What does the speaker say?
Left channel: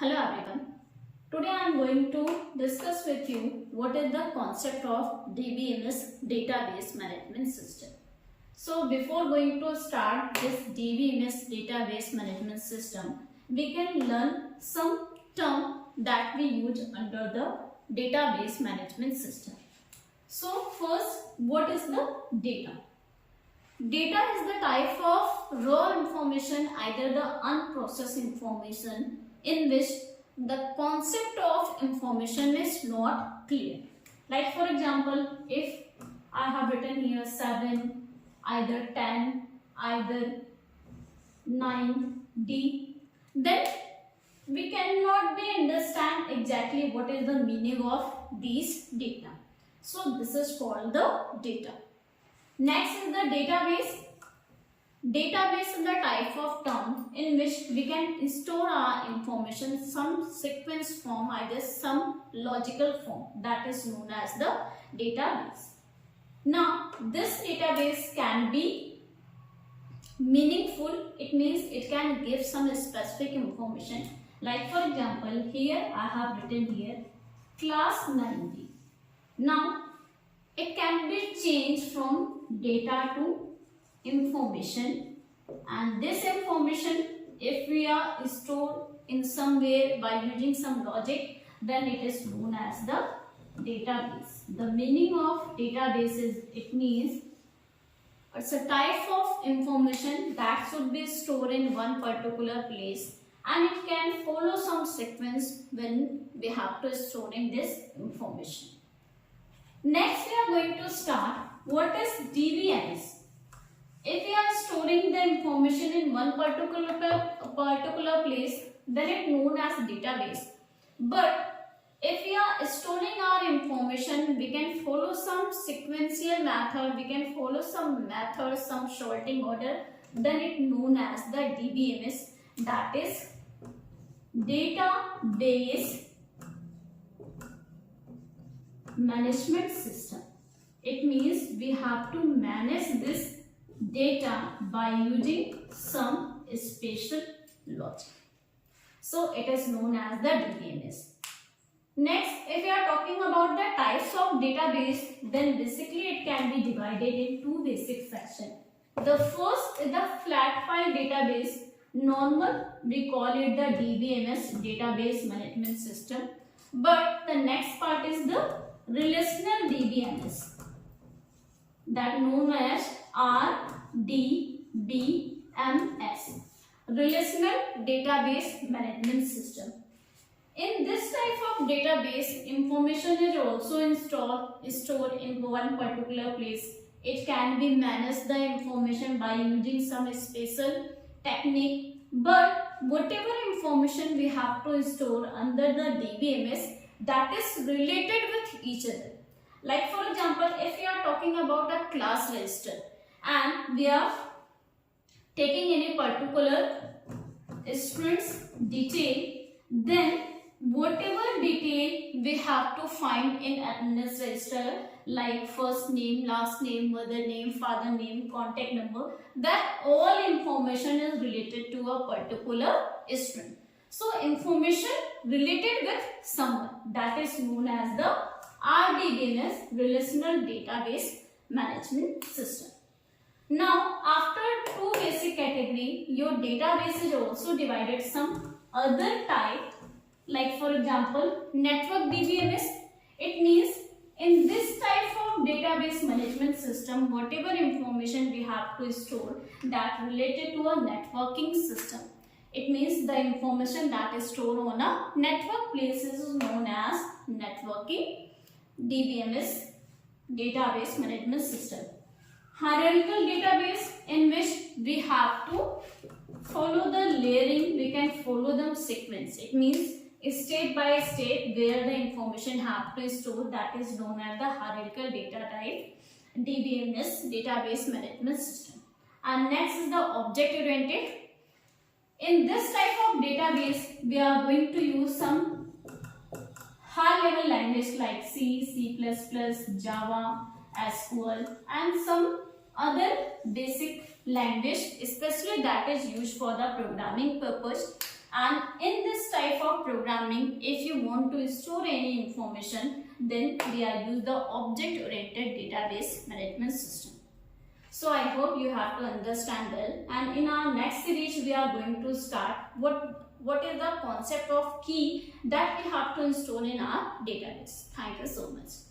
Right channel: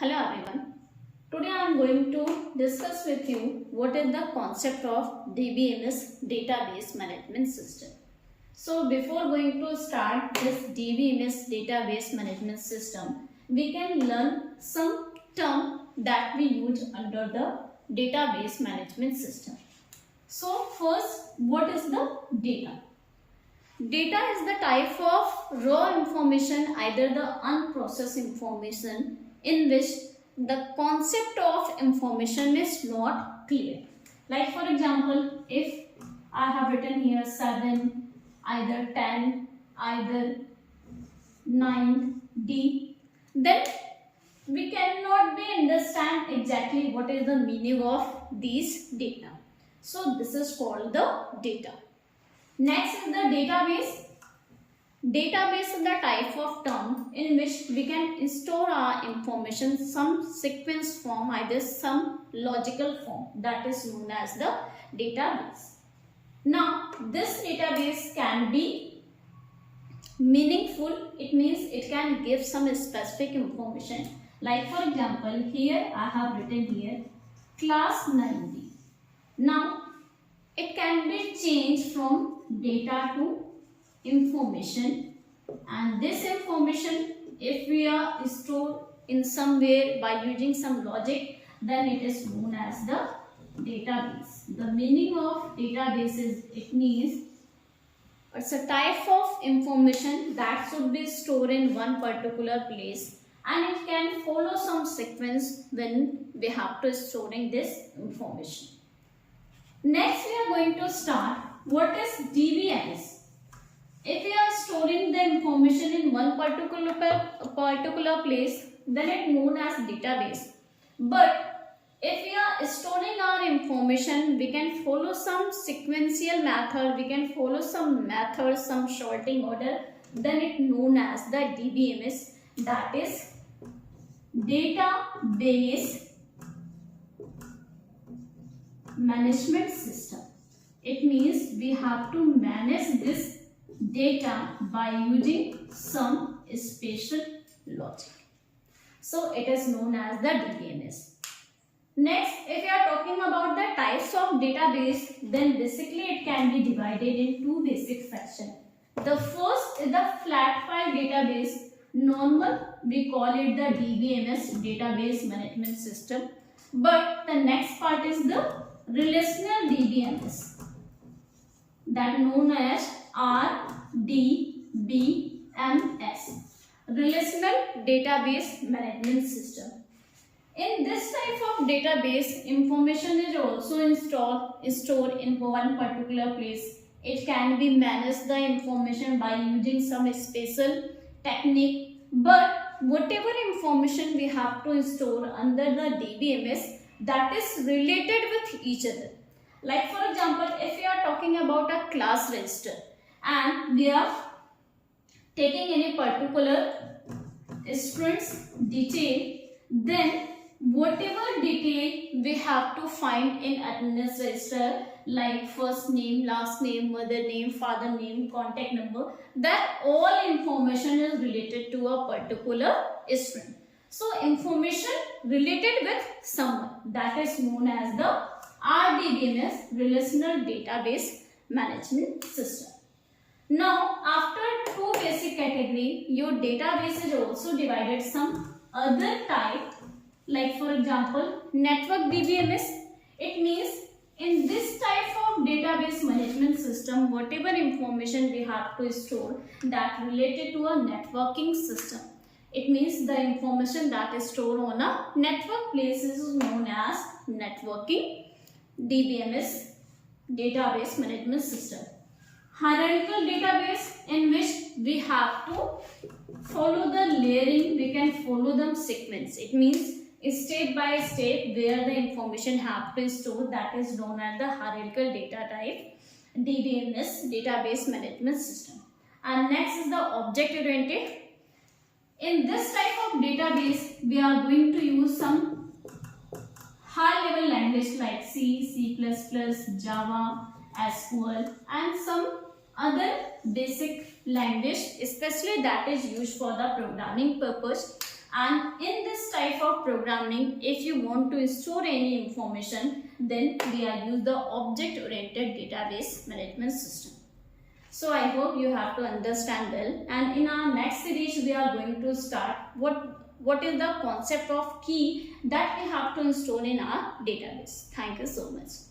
Hello everyone. Today I am going to discuss with you what is the concept of DBMS database management system. So before going to start this DBMS database management system, we can learn some term that we use under the database management system. So first, what is the data? Data is the type of raw information, either the unprocessed information in which the concept of information is not clear. Like for example, if I have written here 7, either 10, either 9, D, then we cannot be understand exactly what is the meaning of these data. So this is called the data. Next is the database. Database is the type of term in which we can store our information some sequence form, either some logical form, that is known as the database. Now this database can be meaningful. It means it can give some specific information. Like for example, here I have written here class 9D. Now it can be changed from data to information, and this information, if we are stored in some way by using some logic, then it is known as the database. The meaning of database is, it means it's a type of information that should be stored in one particular place, and it can follow some sequence when we have to storing this information. Next we are going to start what is DBMS. If we are storing the information in one particular place, then it is known as database. But if we are storing our information, we can follow some sequential method, we can follow some method, some sorting order, then it is known as the DBMS, that is database management system. It means we have to manage this data by using some special logic. So it is known as the DBMS. Next, if we are talking about the types of database, then basically it can be divided in two basic sections. The first is the flat file database. Normal, we call it the DBMS, database management system. But the next part is the relational DBMS, that known as RDBMS, relational database management system. In this type of database, information is also stored in one particular place. It can be managed the information by using some special technique, but whatever information we have to store under the DBMS, that is related with each other. Like for example, if we are talking about a class register and we are taking any particular student's detail, then whatever detail we have to find in attendance register, like first name, last name, mother name, father name, contact number, that all information is related to a particular student. So information related with someone, that is known as the RDBMS, relational database management system. Now after two basic category, your database is also divided some other type. Like for example, network DBMS. It means in this type of database management system, whatever information we have to store that related to a networking system. It means the information that is stored on a network place is known as networking DBMS, database management system. Hierarchical database, in which we have to follow the layering, we can follow the sequence. It means state by state where the information have to store, that is known as the hierarchical data type, DBMS, database management system. And next is the object oriented. In this type of database, we are going to use some high level language like C, C++, Java, SQL, and some other basic language, especially that is used for the programming purpose. And in this type of programming, if you want to store any information, then we are use the object oriented database management system. So I hope you have to understand well, and in our next series we are going to start what is the concept of key that we have to install in our database. Thank you so much.